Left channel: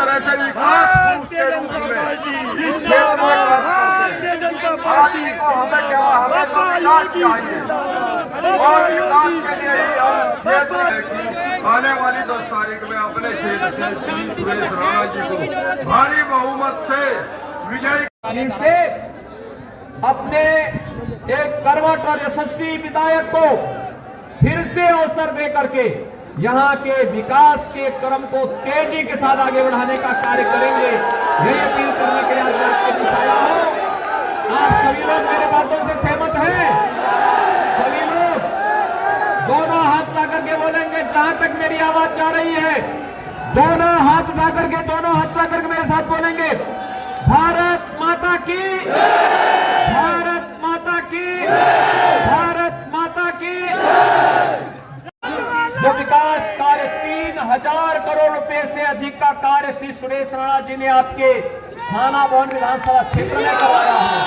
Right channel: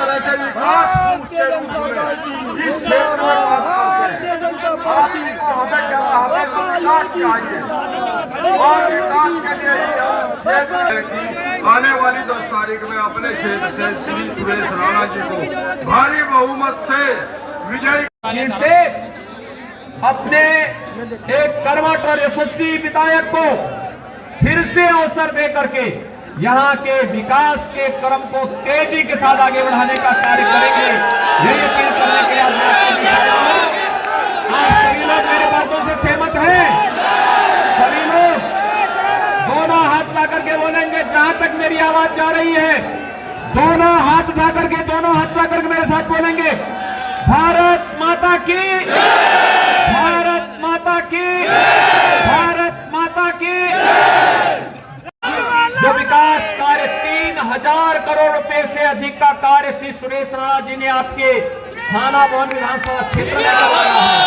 तरह से विकास Bharatiya Janata party Bharatiya Janata party को हमें क्या हमें तो विकास चाहिए और विकास के लिए आने वाली 10 तारीख में अपने क्षेत्र से श्री सुरेश राणा जी को भारी बहुमत से विजयी से अपने एक करवट और यशस्वी विधायक को फिर से अवसर दे करके यहाँ के विकास के क्रम को तेजी के साथ आगे बढ़ाने का कार्य करेंगे। यही अपील करने के लिए आज मैं आपके बीच आया हूं। आप सभी लोग मेरे बातों से सहमत हैं? सभी लोग दोनों हाथ उठा करके बोलेंगे, जहां तक मेरी आवाज जा रही है दोनों हाथ उठा करके मेरे साथ बोलेंगे, भारत माता की, भारत माता की, भारत माता की। जो विकास कार्य 3000 करोड़ रुपए से अधिक का कार्य श्री सुरेश राणा जी ने आपके थाना भवन विधानसभा क्षेत्र में करवाया है।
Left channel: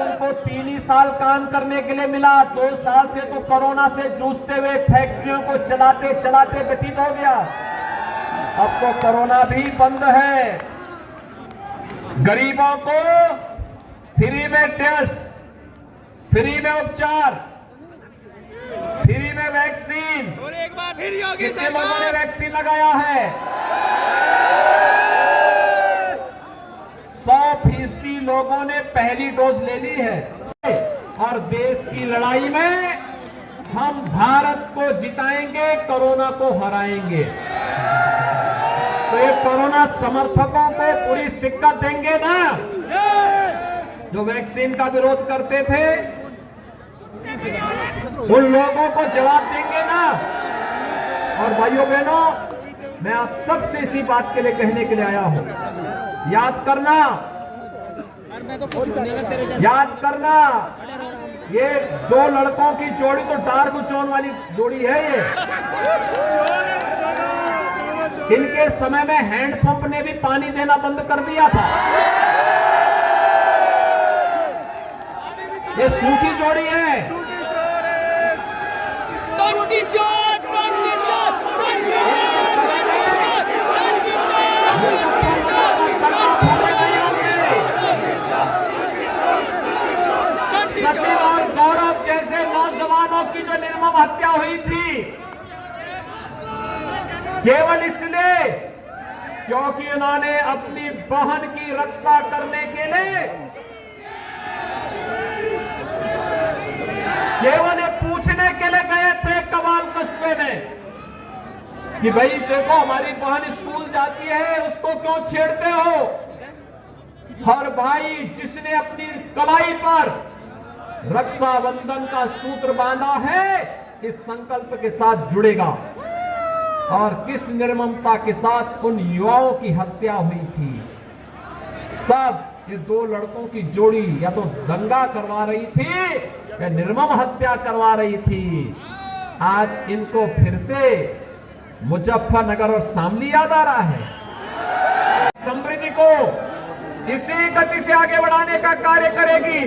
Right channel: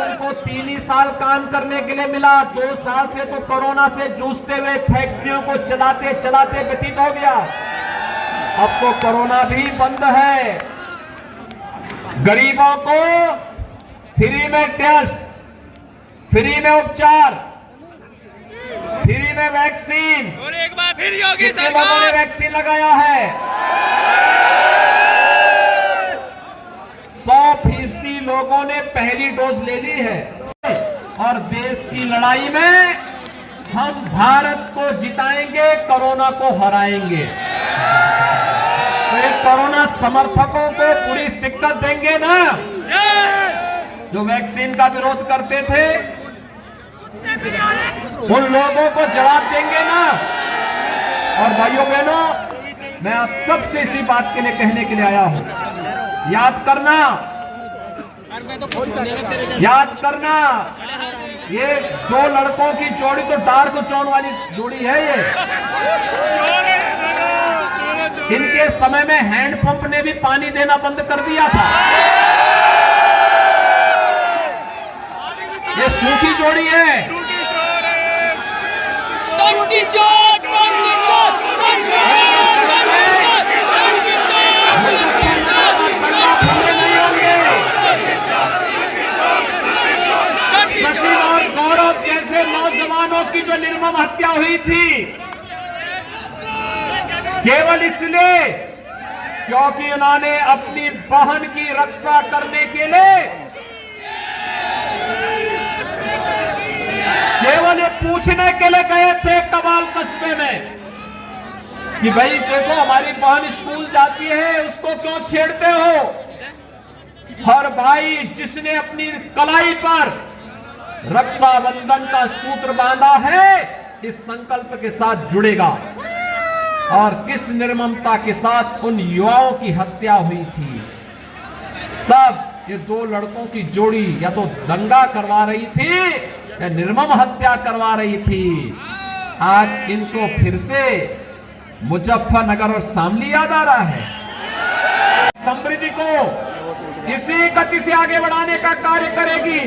उनको 3 ही साल काम करने के लिए मिला, 2 साल से तो कोरोना से जूझते हुए फैक्ट्रियों को चलाते चलाते व्यतीत हो गया। अब तो कोरोना भी बंद है। गरीबों को फ्री में टेस्ट, फ्री में उपचार, फ्री में वैक्सीन, और एक बार फिर योगी कितने लोगों ने वैक्सीन लगाया है? 100% लोगों ने पहली डोज ले ली है। और देश की लड़ाई में हम भारत को जिताएंगे, कोरोना को हराएंगे। तो ये कोरोना समर्थकों को पूरी शिक्कत देंगे ना, जो वैक्सीन का विरोध करते थे, उन लोगों को जवाब देंगे ना। और भाइयों बहनों, मैं आप सबसे इसी बात के लिए कहने के लिए आया हूं, याद करना, ये 2 लड़कों की जोड़ी तो डार्क चोन वाली जोड़ी है। इनके समय में हैंडपंप ने भी पानी देना बंद कर दिया था। ये सूखी जोड़ी है। सचिन और गौरव जैसे नौजवानों की जो निर्मम हत्या हुई थी, केवल इसलिए क्योंकि उन्होंने अपनी बहन की रक्षा करने के लिए केवल ये पूछने के लिए गए थे कबाल कस्बे में कि भाई देखो हमारी बहन स्कूल जाती है, उसको क्यों छेड़ते हो? हर भाई जिसने अपनी कलाई पर रक्षाबंधन का सूत्र बांधा है, इस संकल्प के साथ जुड़ेगा। और किस निर्ममता के साथ उन युवाओं की हत्या हुई थी। सब ये 2 लड़कों की जोड़ी या तो दंगा करवा रही थी या निर्मम हत्या करवा रही थी। आज इनको फिर से मुजफ्फरनगर और शामली याद आ रहा है। समृद्धि को इसी गति से आगे बढ़ाने का कार्य करेगी।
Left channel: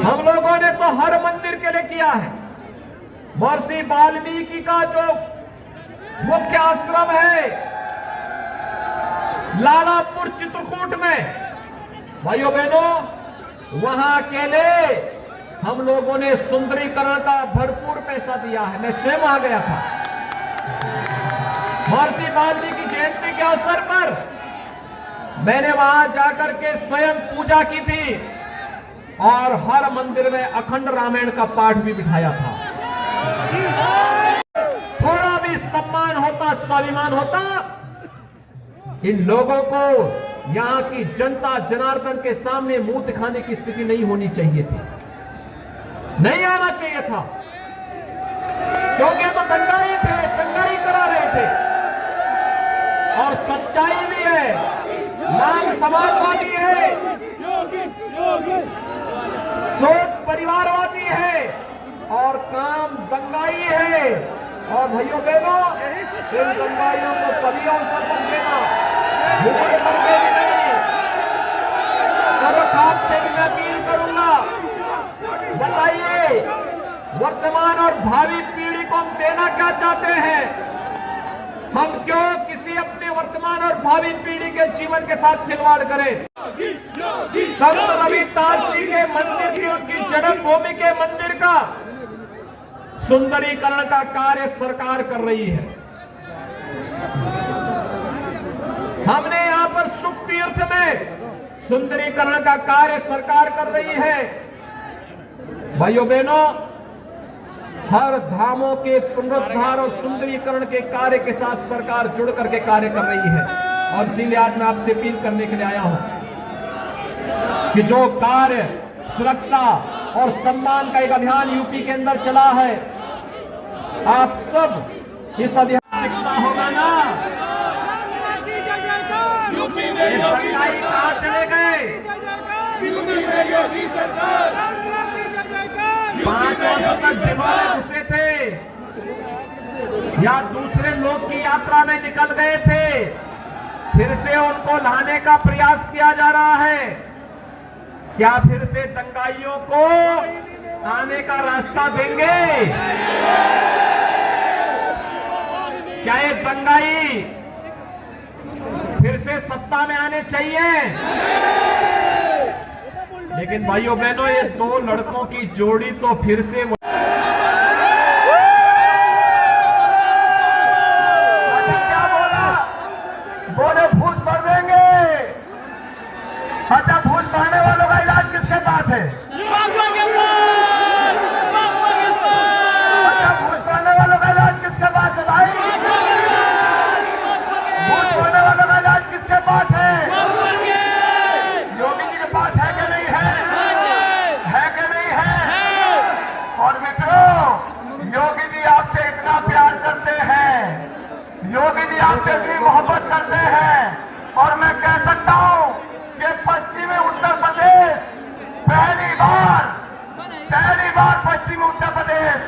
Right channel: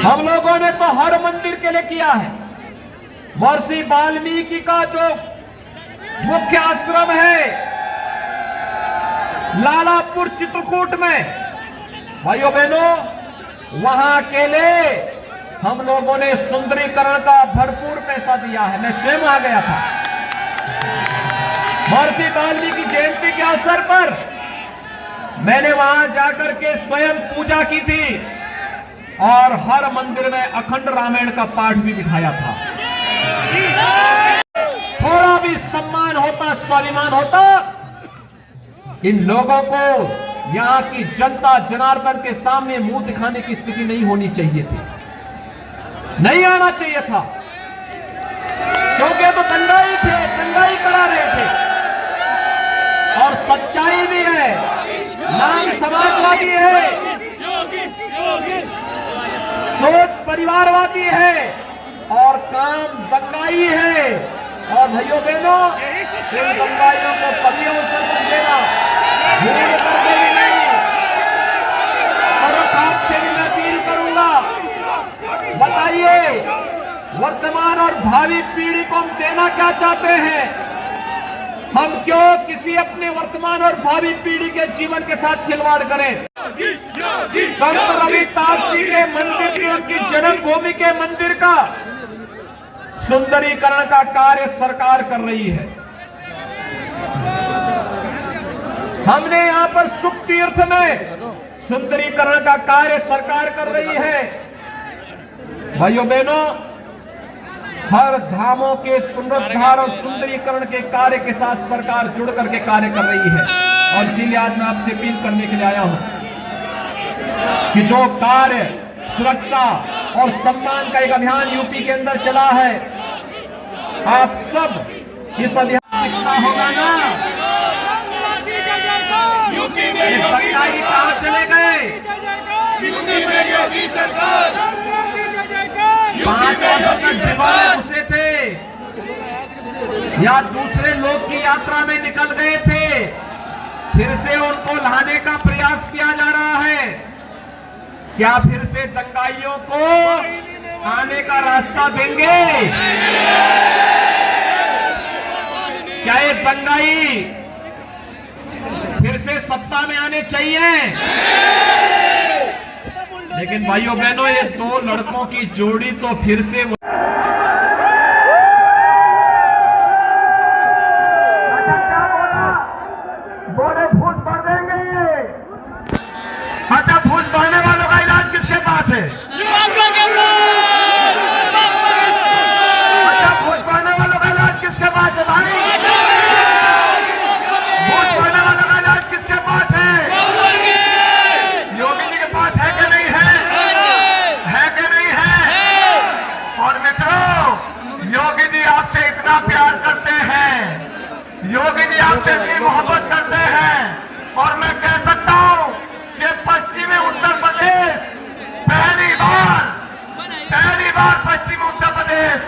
हम लोगों ने तो हर मंदिर के लिए किया है। महर्षि वाल्मीकि का जो मुख्य आश्रम है लालापुर चित्रकूट में, भाइयों बहनों, वहां के लिए हम लोगों ने सुंदरीकरण का भरपूर पैसा दिया है। मैं स्वयं आ गया था। महर्षि वाल्मीकि जयंती के अवसर पर मैंने वहां जाकर के स्वयं पूजा की थी और हर मंदिर में अखंड रामायण का पाठ भी बिठाया था। थोड़ा भी सम्मान होता, स्वाभिमान होता, इन लोगों को यहां की जनता जनार्दन के सामने मुंह दिखाने की स्थिति नहीं होनी चाहिए थी, नहीं आना चाहिए था। क्योंकि तो दंगाई थे, दंगाई करा रहे थे। और सच्चाई भी है, नाम समाजवादी है, सोच परिवारवादी है और काम दंगाई है। और भाइयों बहनों, इन दंगाइयों को कभी अवसर मत देना, और आपसे भी मैं अपील करूंगा, बताइए वर्तमान और भावी पीढ़ी को हम देना क्या चाहते हैं? हम क्यों किसी अपने वर्तमान और भावी पीढ़ी के जीवन के साथ खिलवाड़ करें? संत रविदास जी के मंदिर की, उनकी जन्मभूमि के मंदिर का सुंदरीकरण का कार्य सरकार कर रही है। हमने यहां पर सुख तीर्थ में सुंदरीकरण का कार्य सरकार कर रही है। भाइयों बहनों, हर धामों के पुनरुद्धार और सुंदरीकरण के कार्य के साथ सरकार जुड़ करके कार्य कर रही है। और इसीलिए आज मैं आपसे अपील करने के लिए आया हूं कि जो कार्य सुरक्षा और सम्मान का एक अभियान यूपी के अंदर चला है, आप सब इस अभियान होगा ना। यूपी में योगी सरकार चले गए, यूपी में योगी सरकार, यूपी में योगी सरकार से थे या दूसरे लोग की यात्रा में निकल गए थे, फिर से उनको लाने का प्रयास किया जा रहा है। क्या फिर से दंगाइयों को आने का रास्ता देंगे? क्या ये दंगाई फिर से सत्ता में आने चाहिए? लेकिन भाइयों बहनों, ये दो लड़कों की जोड़ी तो फिर से क्या बोले फूस भर देंगे। अच्छा, फूस भरने वालों का इलाज किसके पास है? अच्छा, फूस भरने वालों का इलाज किसके पास है भाई? फूस भरने वालों का इलाज किसके पास है? योगी जी के पास है कि नहीं है? है कि नहीं है? और मित्रों, योगी जी आपसे इतना प्यार करते हैं, योगी जी आपसे इतनी मोहब्बत करते हैं, और मैं कह सकता हूं कि पश्चिमी उत्तर प्रदेश पहली बार पश्चिमी उत्तर प्रदेश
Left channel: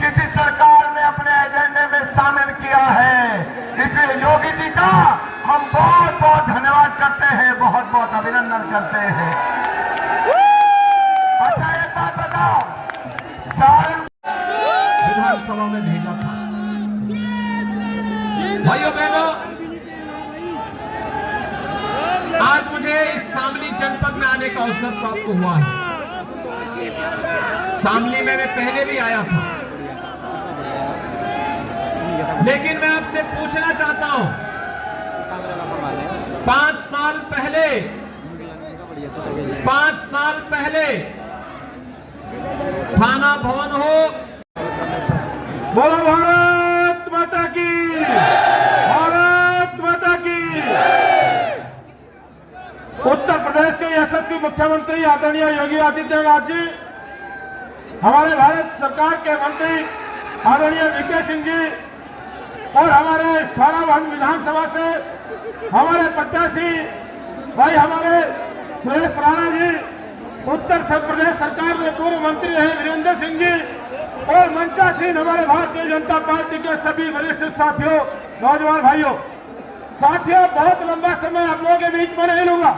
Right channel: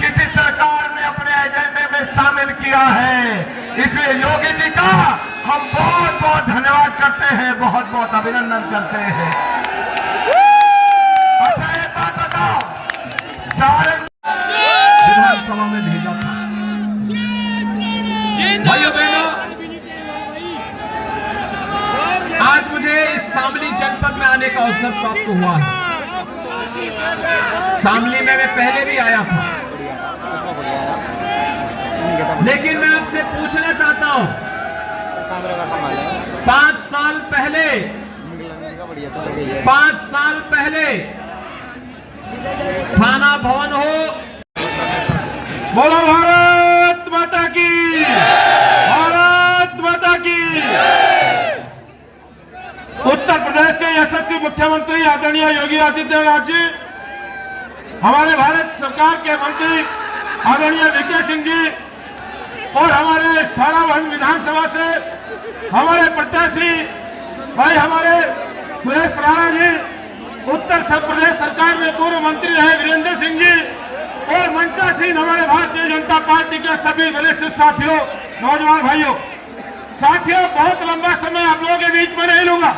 किसी सरकार ने अपने एजेंडे में शामिल किया है। इसलिए योगी जी का हम बहुत बहुत धन्यवाद करते हैं, बहुत बहुत अभिनंदन करते हैं। अच्छा, एक बात बताओ, सारंग विधानसभा में भेजा था। भाइयों बहनों, आज मुझे इस शामली जनपद में आने का अवसर प्राप्त हुआ है। शामली में मैं पहले भी आया था, लेकिन मैं आपसे पूछना चाहता हूं, 5 साल पहले थाना भवन हो, बोलो भारत माता की, भारत माता की। उत्तर प्रदेश के यशस्वी मुख्यमंत्री आदरणीय योगी आदित्यनाथ जी, हमारे भारत सरकार के मंत्री आदरणीय वीके सिंह जी, और हमारे थानाभवन विधानसभा से हमारे प्रत्याशी भाई हमारे सुरेश राणा जी, उत्तर प्रदेश सरकार में पूर्व मंत्री रहे वीरेंद्र सिंह जी, और मंचासीन हमारे भारतीय जनता पार्टी के सभी वरिष्ठ साथियों, नौजवान भाइयों, साथियों, बहुत लंबा समय आप लोगों के बीच में नहीं लूंगा।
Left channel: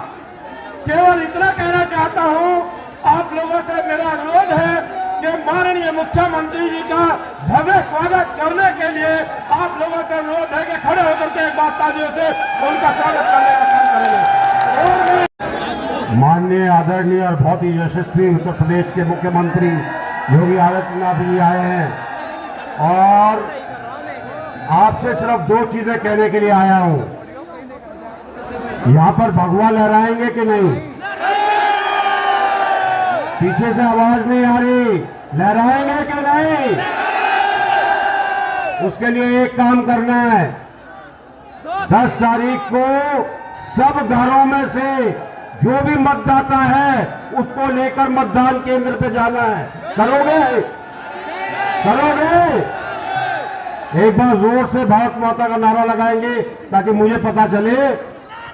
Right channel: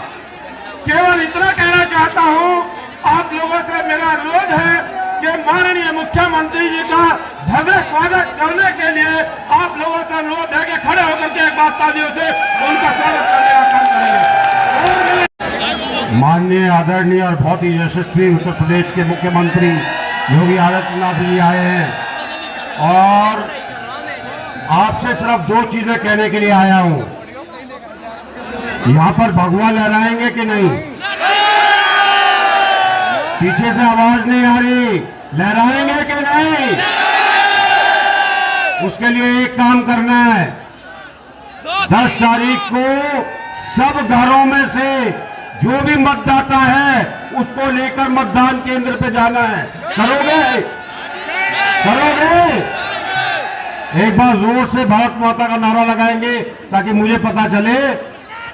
केवल इतना कहना चाहता हूं, आप लोगों से मेरा अनुरोध है कि माननीय मुख्यमंत्री जी का भव्य स्वागत करने के लिए आप लोगों से अनुरोध है कि खड़े होकर के एक बार तालियों से उनका स्वागत करने का काम करेंगे। माननीय आदरणीय और बहुत ही यशस्वी उत्तर प्रदेश के मुख्यमंत्री योगी आदित्यनाथ जी आए हैं, और आपसे सिर्फ 2 चीजें कहने के लिए आया हूं। यहां पर भगवा लहराएंगे कि नहीं? पीछे से आवाज नहीं आ रही, लहराएंगे कि नहीं? उसके लिए एक काम करना है, 10 तारीख को सब घरों में से जो भी मतदाता है उसको लेकर मतदान केंद्र पे जाना है। करोगे? एक बार जोर से भारत माता का नारा लगाएंगे ताकि मुझे पता चले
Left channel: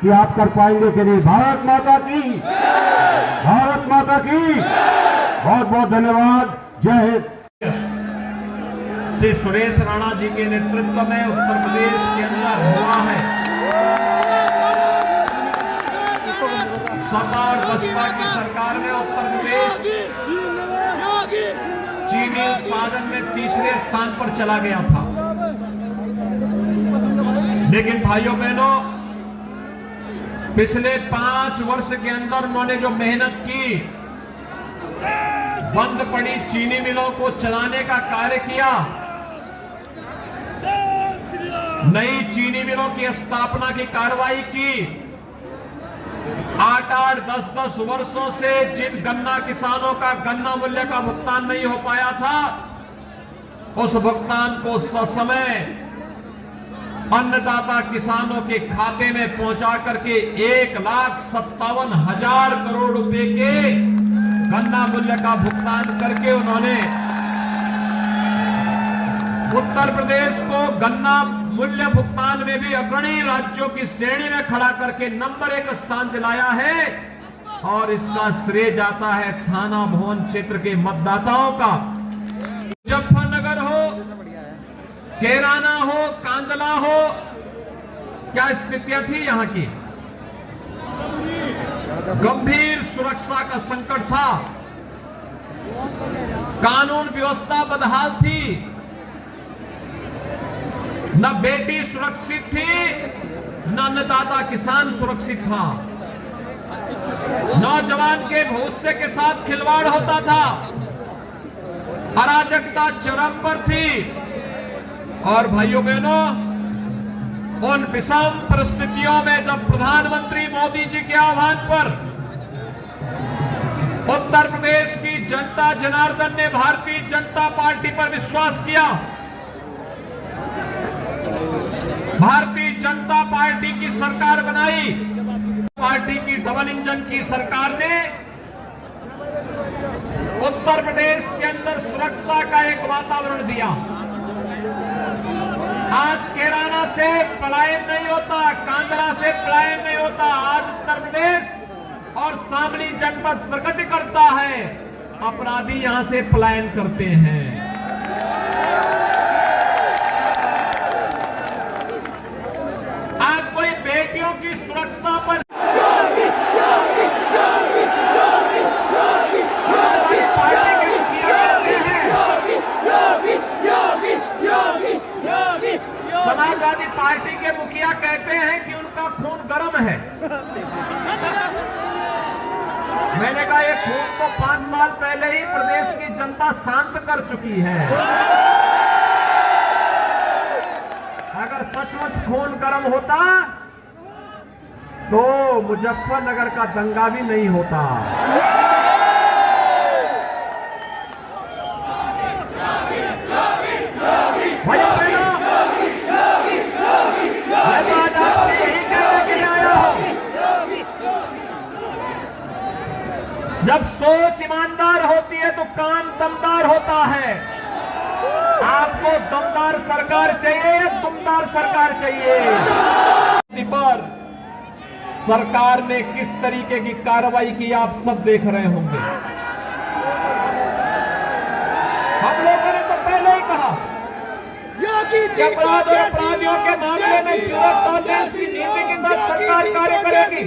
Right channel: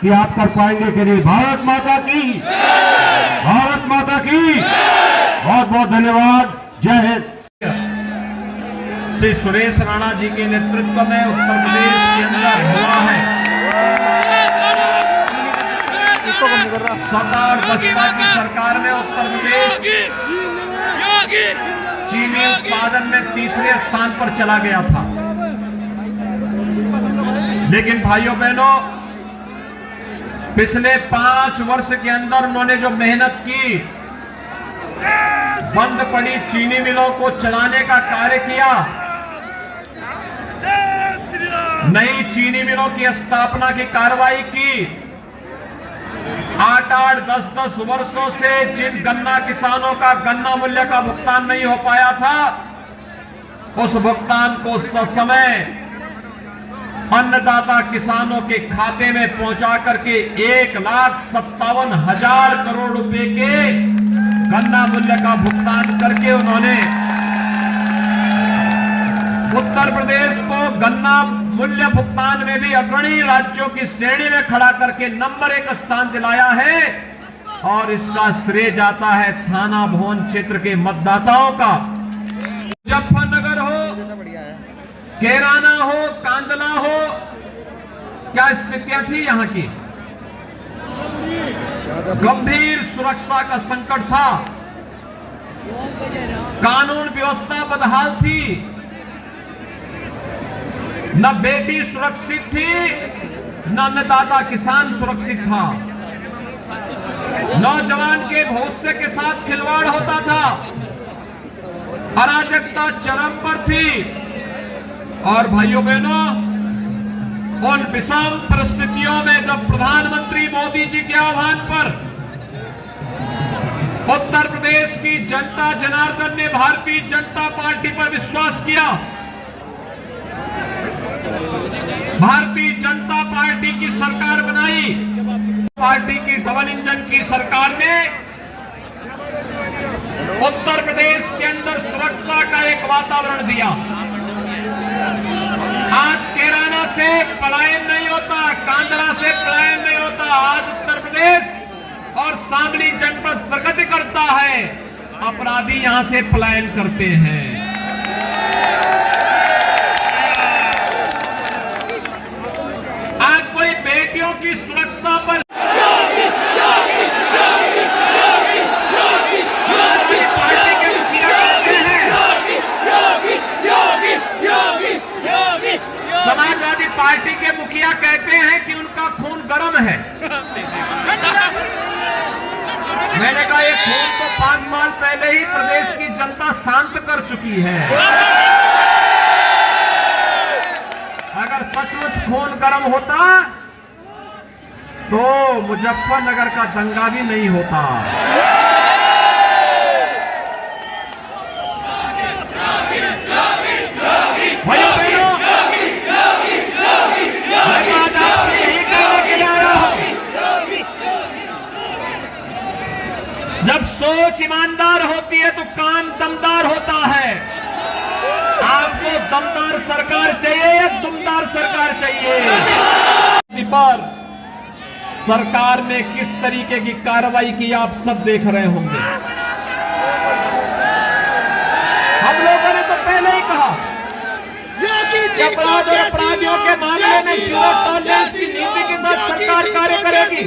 कि आप कर पाएंगे कि नहीं। भारत माता की, भारत माता की। बहुत बहुत धन्यवाद। जय हिंद। श्री सुरेश राणा जी के नेतृत्व में उत्तर प्रदेश के अंदर हुआ है सरदार बसपा की सरकार ने उत्तर प्रदेश चीनी उत्पादन में तीसरे स्थान पर चला गया था। लेकिन भाइयों बहनों, पिछले 5 वर्ष के अंदर उन्होंने जो मेहनत की, बंद पड़ी चीनी मिलों को चलाने का कार्य किया, नई चीनी मिलों की स्थापना की कार्रवाई की, 8-8, 10-10 वर्षों से जिन गन्ना किसानों का गन्ना मूल्य का भुगतान नहीं हो पाया था, उस भुगतान को ससमय अन्नदाता किसानों के खाते में पहुंचा करके 1,57,000 करोड़ रुपए के गन्ना मूल्य का भुगतान करके उन्होंने उत्तर प्रदेश को गन्ना मूल्य भुगतान में भी अग्रणी राज्यों की श्रेणी में खड़ा करके नंबर 1 स्थान दिलाया है। और इसका श्रेय जाता है थाना भवन क्षेत्र के मतदाताओं का। मुजफ्फरनगर हो, कैराना हो, कांदला हो, क्या स्थितियां थी यहां की? गंभीर सुरक्षा का संकट था, कानून व्यवस्था बदहाल थी, न बेटी सुरक्षित थी, न अन्नदाता किसान सुरक्षित था, नौजवान के भविष्य के साथ खिलवाड़ होता था, अराजकता चरम पर थी। और भाइयों बहनों, उन विषम परिस्थितियों में जब प्रधानमंत्री मोदी जी के आह्वान पर उत्तर प्रदेश की जनता जनार्दन ने भारतीय जनता पार्टी पर विश्वास किया, भारतीय जनता पार्टी की सरकार बनाई, पार्टी की डबल इंजन की सरकार ने उत्तर प्रदेश के अंदर सुरक्षा का एक वातावरण दिया। आज कैराना से पलायन नहीं होता, कांदला से पलायन नहीं होता। आज उत्तर प्रदेश और शामली जनपद प्रगति करता है, अपराधी यहां से पलायन करते हैं। बेटियों की सुरक्षा पर पार्टी के मुखिया कहते हैं, समाजवादी पार्टी के मुखिया कहते हैं कि उनका खून गर्म है। मैंने कहा ये खून तो 5 साल पहले ही प्रदेश की जनता शांत कर चुकी है। अगर सचमुच खून गर्म होता तो मुजफ्फरनगर का दंगा भी नहीं होता। जब सोच ईमानदार होती है तो काम दमदार होता है। आपको दमदार सरकार चाहिए या दुमदार सरकार चाहिए? पर सरकार ने किस तरीके की कार्रवाई की आप सब देख रहे होंगे। हम लोगों ने तो पहले ही कहा कि अपराधियों के मामले में जीरो टॉलरेंस की नीति के तहत सरकार कार्य करेगी।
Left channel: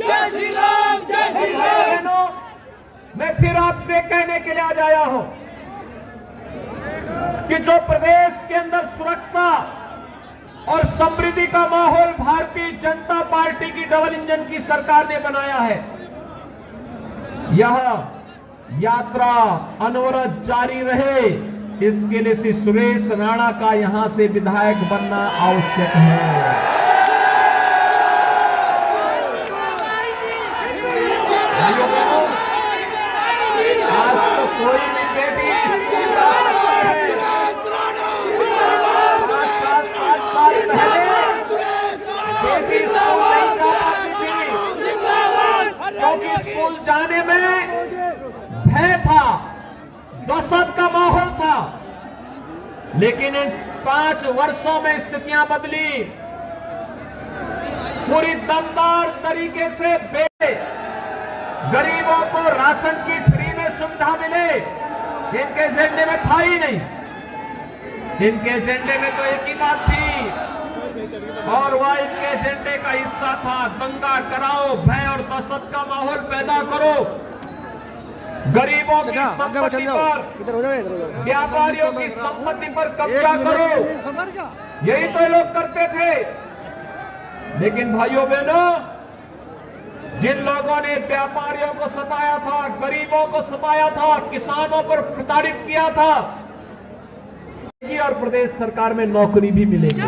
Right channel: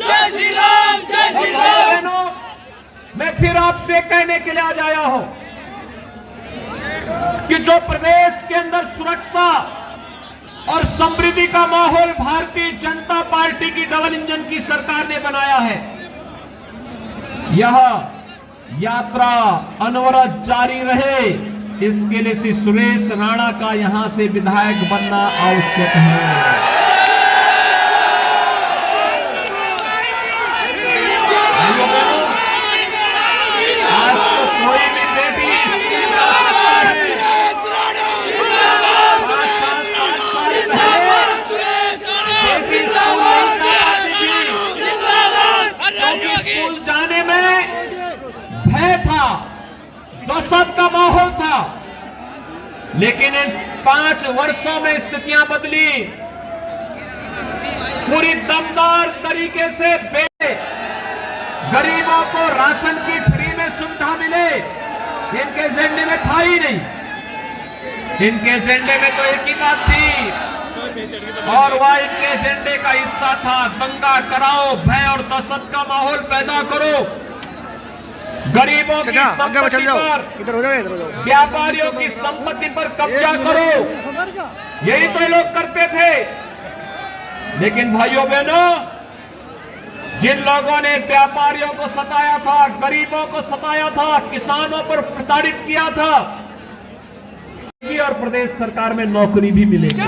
जय श्री राम, जय श्री राम। मैं फिर आपसे कहने के लिए आज आया हूं कि जो प्रदेश के अंदर सुरक्षा और समृद्धि का माहौल भारतीय जनता पार्टी की डबल इंजन की सरकार ने बनाया है, यह यात्रा अनवरत जारी रहे, इसके लिए श्री सुरेश राणा का यहां से विधायक बनना आवश्यक है। आज तो कोई भी बेटी स्कूल जाने में भय था, दहशत का माहौल था, लेकिन इन 5 वर्षों में स्थितियां बदली। पूरी दमदार तरीके से गरीबों को राशन की फ्री में सुविधा मिले, इनके एजेंडे में था ही नहीं। इनके एजेंडे में तो एक ही बात थी और वह इनके एजेंडे का हिस्सा था, दंगा कराओ, भय और दहशत का माहौल पैदा करो। गरीबों की आगे चल जाओ, संपत्ति इधर हो जाओ, इधर हो जाओ। पर, व्यापारियों की संपत्ति पर कब्जा करो, यही तो लोग करते थे। लेकिन भाइयों बहनों, जिन लोगों ने व्यापारियों को सताया था, गरीबों को सताया था, किसानों पर प्रताड़ित किया था, और प्रदेश सरकार में नौकरी भी मिलेगी।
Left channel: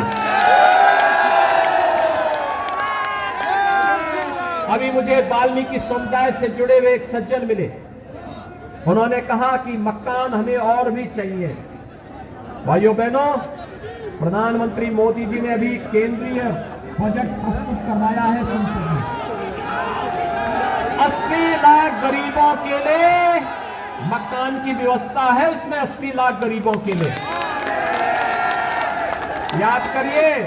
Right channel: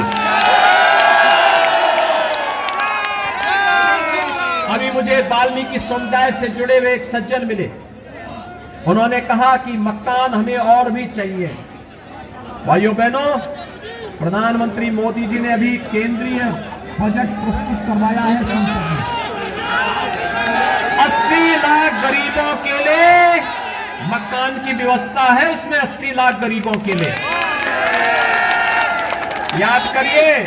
अभी मुझे वाल्मीकि समुदाय से जुड़े हुए एक सज्जन मिले। उन्होंने कहा कि मकान हमें और भी चाहिए। भाइयों बहनों, प्रधानमंत्री मोदी जी ने अभी केंद्रीय बजट प्रस्तुत करवाया है संसद में। 80 लाख गरीबों के लिए मकान की व्यवस्था है, उसमें 80 लाख गरीबों के लिए। याद करिए,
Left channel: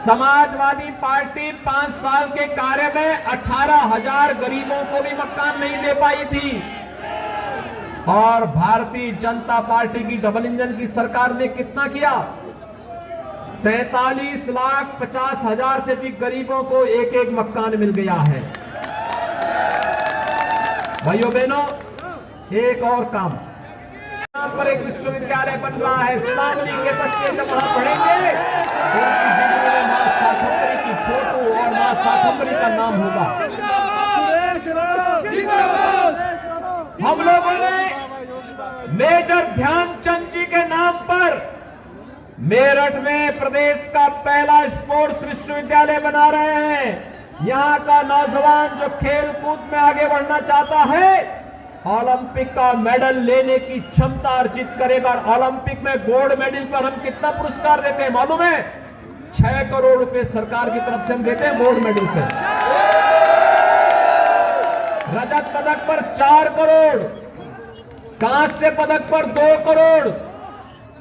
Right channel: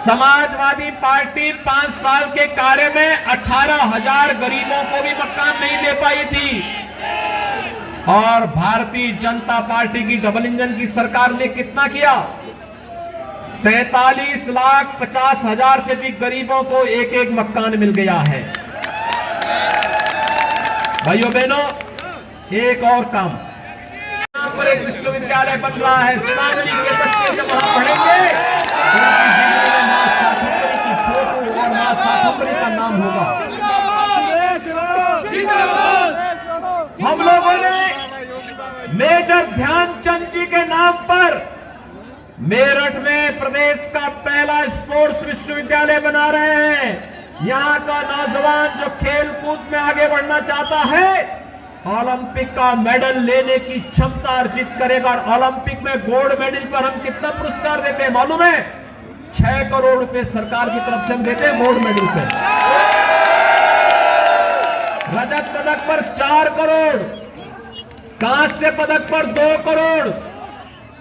समाजवादी पार्टी 5 साल के कार्य में 18,000 गरीबों को भी मकान नहीं दे पाई थी, और भारतीय जनता पार्टी की डबल इंजन की सरकार ने कितना किया? 43,50,000 से अधिक गरीबों को एक एक मकान मिल गया है। भाइयों बहनों, एक और काम, यहाँ पर एक विश्वविद्यालय बन रहा है। सांगली के बच्चे जब वहां पढ़ेंगे, उनकी जिंदगी में मां साठुमरी की फोटो और मां साठुमरी का नाम होगा। हम लोगों ने मेजर ध्यानचंद जी के नाम पर मेरठ में प्रदेश का पहला स्पोर्ट्स विश्वविद्यालय बना रहे हैं। यहां का नौजवान जो खेल कूद में आगे बढ़ना चाहता है, ओलंपिक का मेडल लेने की क्षमता अर्जित करेगा। और ओलंपिक में गोल्ड मेडल पर हम कितना पुरस्कार देते हैं मालूम है? 6 करोड़ रुपए सरकार की तरफ से हम देते हैं गोल्ड मेडल पर। रजत पदक पर 4 करोड़, कांस्य पदक पर 2 करोड़।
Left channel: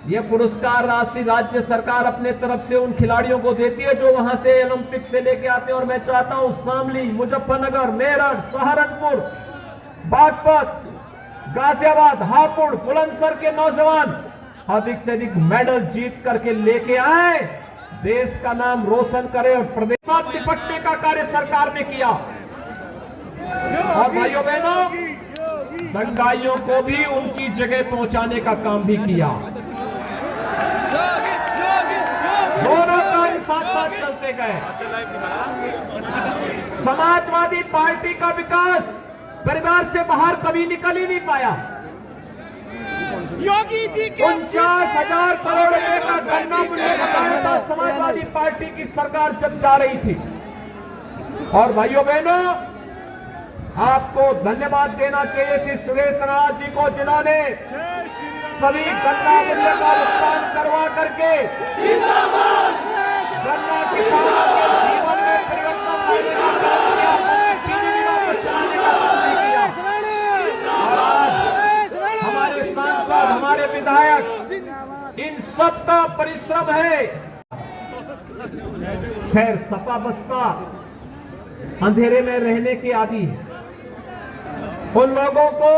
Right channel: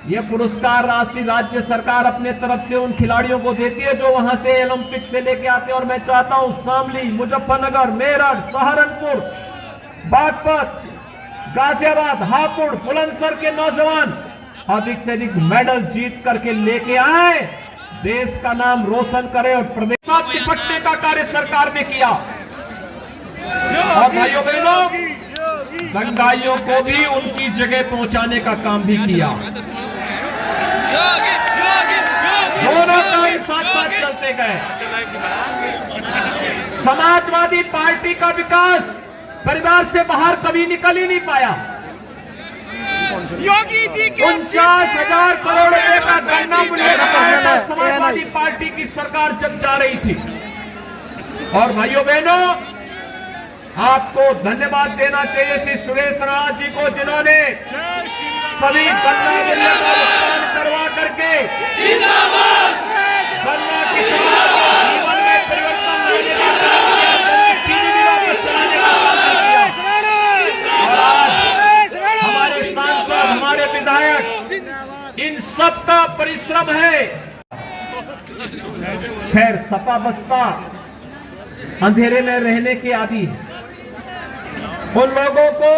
यह पुरस्कार राशि राज्य सरकार अपने तरफ से उन खिलाड़ियों को देती है जो वहां से ओलंपिक से लेके आते हैं। और मैं चाहता हूं शामली, मुजफ्फरनगर, मेरठ, सहारनपुर, बागपत, गाजियाबाद, हापुड़, बुलंदशहर के नौजवान अधिक से अधिक मेडल जीत करके लेके आए, देश का नाम रोशन करे। और प्रदेश में निपटने का कार्य सरकार ने किया। और भाइयों बहनों, दंगाइयों को भी उनकी जगह पहुंचाने का काम भी किया। दोनों काम साथ साथ चलते गए। समाजवादी पार्टी का विकास परिवार से बाहर कभी निकल ही नहीं पाया। योगी जी के 49,000 करोड़ रुपए का गन्ना मूल्य समाजवादी पार्टी की सरकार जब जा रही थी। और भाइयों बहनों, आपको धन्यवाद देना चाहिए श्री सुरेश राणा जी को, जिन्होंने सभी गन्ना मूल्य का भुगतान करवा करके गन्ना किसानों के जीवन में परिवर्तन लाने का काम किया, चीनी मिलों को चलाने का काम किया। हमारे सांसद, हमारे विधायक, इन सबका परिश्रम है। खैर, सपा बसपा अंधेरे में रहने के आदी है। उन लोगों को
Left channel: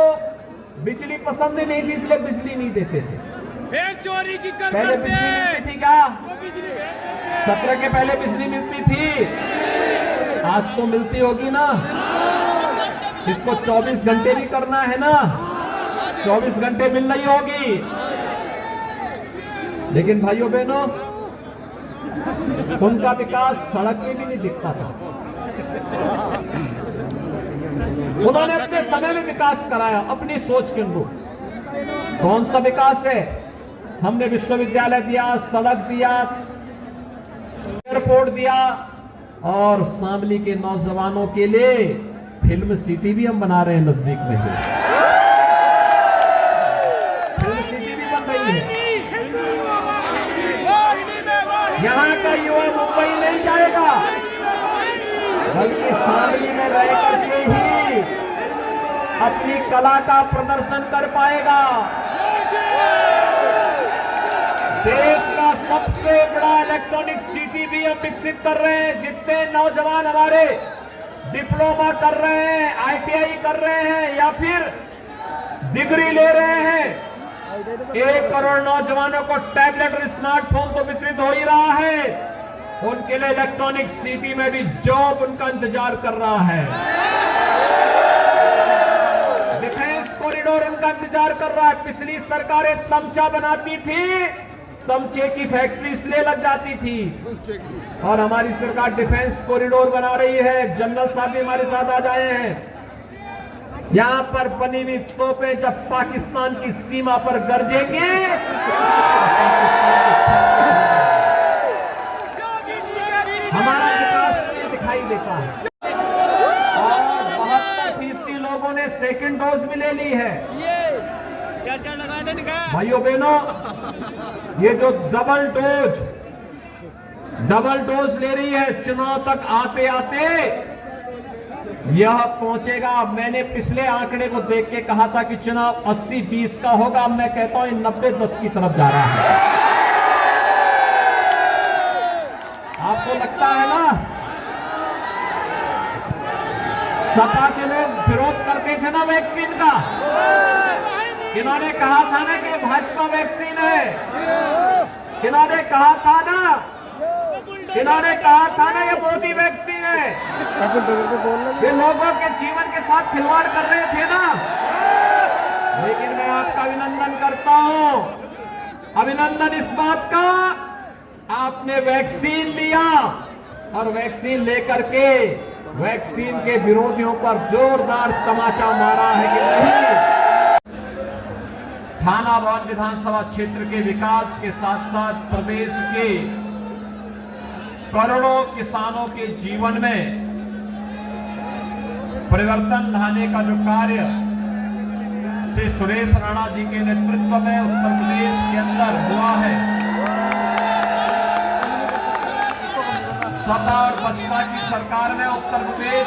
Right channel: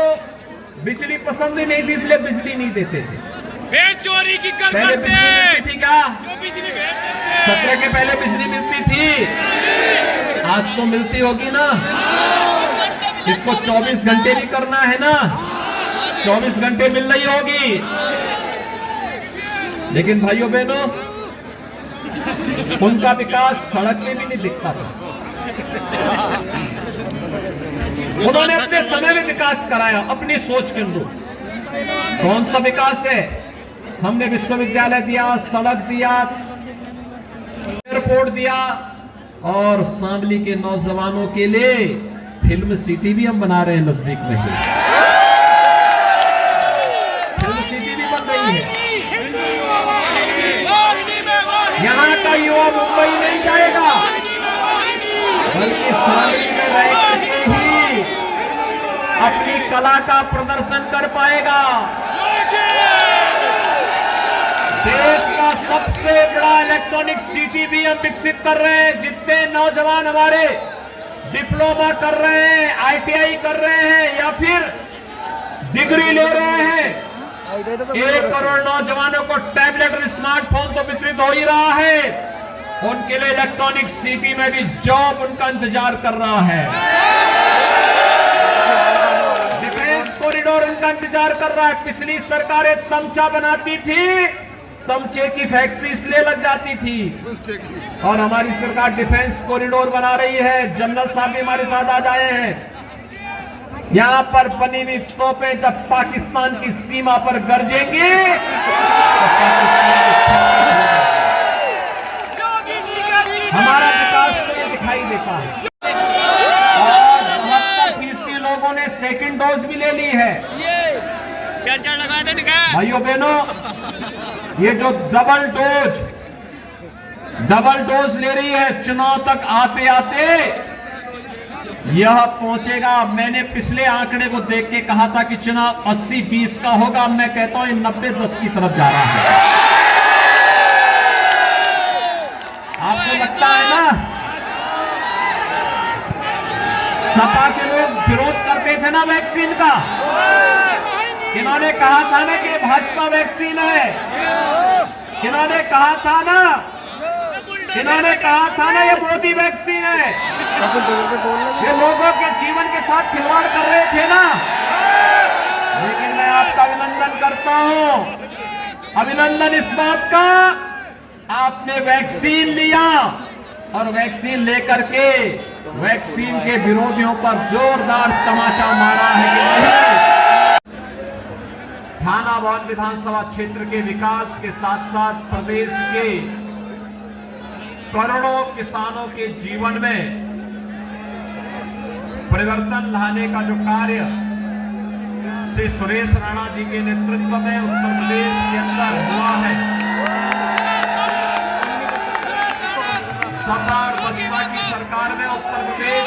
बिजली पसंद ही नहीं थी, इसलिए बिजली नहीं देते थे। भेड़ चोरी की कर पहले करते बिजली मिलती थी क्या? जो बिजली भेड़ 17 के पहले बिजली मिलती थी, आज तो मिलती होगी ना। इसको 24 घंटे भी करना है ना, 24 घंटे मिल रही होगी। लेकिन भाइयों बहनों, उनका विकास सड़क में भी नहीं दिखता था। उन्होंने अपने समय में विकास कराया अपनी सोच के अनुरूप। कौन सा विकास है? हमने विश्वविद्यालय दिया, सड़क दिया, एयरपोर्ट दिया, और शामली के नौजवानों के लिए फिल्म सिटी भी हम बना रहे हैं नजदीक में ही। फिल्म सिटी भी बन रही है। यहाँ का युवा मुंबई नहीं जाएगा, बल्कि शामली में रह करके ही अपनी कला का प्रदर्शन कर पाएगा। देश का सबसे बड़ा इलेक्ट्रॉनिक सिटी भी हम विकसित कर रहे हैं। जितने नौजवान हमारे डिप्लोमा कर रहे हैं, ITI कर रहे हैं, या फिर डिग्री ले रहे हैं, 1 करोड़ नौजवानों को टैबलेट और स्मार्टफोन तो वितरित हो ही रहा है। उनके लिए इलेक्ट्रॉनिक सिटी में भी जॉब उनका इंतजार कर रहा है। है, पिछली सरकारें तमचा बनाती थी, तमचे की फैक्ट्री इसलिए लग जाती थी। और हमारी सरकार डिफेंस कॉरिडोर बना रही है। जनरल साहब भी हमारे साथ आ जाए हैं। यहां पर बनी हुई तोपें जब पाकिस्तान की सीमा पर गरजेंगी हमारा विकास नहीं दिखाई देता है। और 70% लोगों ने सेकंड डोज भी ले ली है। चर्चा लगा दे निकाल। भाइयों बहनों, ये जो डबल डोज ले रही है, चुनाव तक आते आते यह पहुंचेगा। मैंने पिछले आंकड़े को देख के कहा था कि चुनाव 80-20 का होगा। मैं कहता हूं 90-10 की तरफ जा रहा है। आपको लगता है ना, सपा के लोग विरोध करते थे ना वैक्सीन का, इन्होंने कहा था ना कि भाजपा वैक्सीन है, इन्होंने कहा था ना ये मोदी वैक्सीन है। ये लोगों के जीवन के साथ खिलवाड़ कर रहे थे ना। लेकिन मैं आपका अभिनंदन करता हूं, अभिनंदन इस बात का, आपने वैक्सीन लिया और वैक्सीन लेकर के वैक्सीन के विरोधियों पर जोरदार तमाचा मारा है कि नहीं। थानावाद विधानसभा क्षेत्र के विकास के साथ साथ प्रदेश के करोड़ों किसानों के जीवन में परिवर्तन लाने का जो कार्य श्री सुरेश राणा जी के नेतृत्व में उत्तर प्रदेश के अंदर हुआ है, सपा और बसपा की सरकार में उत्तर प्रदेश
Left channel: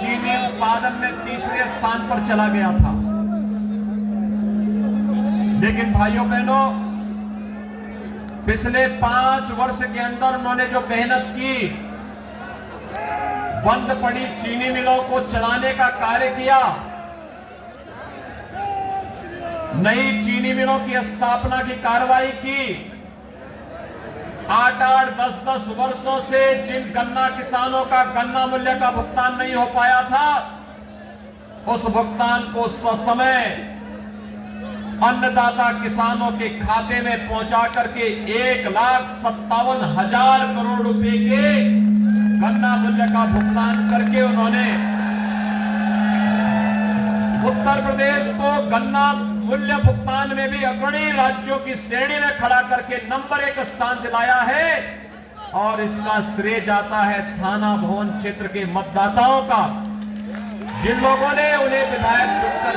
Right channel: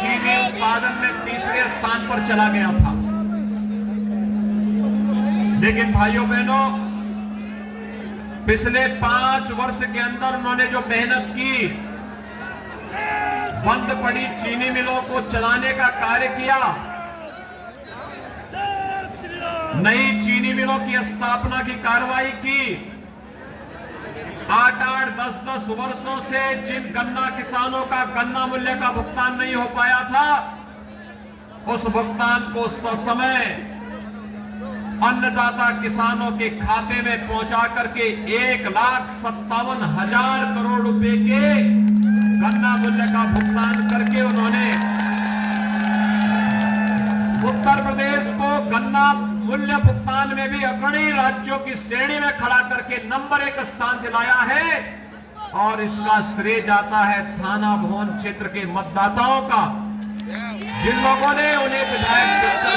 चीनी उत्पादन में 3रे स्थान पर चला गया था। लेकिन भाइयों बहनों, पिछले 5 वर्ष के अंदर उन्होंने जो मेहनत की, बंद पड़ी चीनी मिलों को चलाने का कार्य किया, नई चीनी मिलों की स्थापना की कार्रवाई की, 8-8, 10-10 वर्षों से जिन गन्ना किसानों का गन्ना मूल्य का भुगतान नहीं हो पाया था, उस भुगतान को ससमय अन्नदाता किसानों के खाते में पहुंचा करके 1,57,000 करोड़ रुपए के गन्ना मूल्य का भुगतान करके उन्होंने उत्तर प्रदेश को गन्ना मूल्य भुगतान में भी अग्रणी राज्यों की श्रेणी में खड़ा करके नंबर 1 स्थान दिलाया है। और इसका श्रेय जाता है थाना भवन क्षेत्र के मतदाताओं का, जिन लोगों ने उन्हें विधायक करके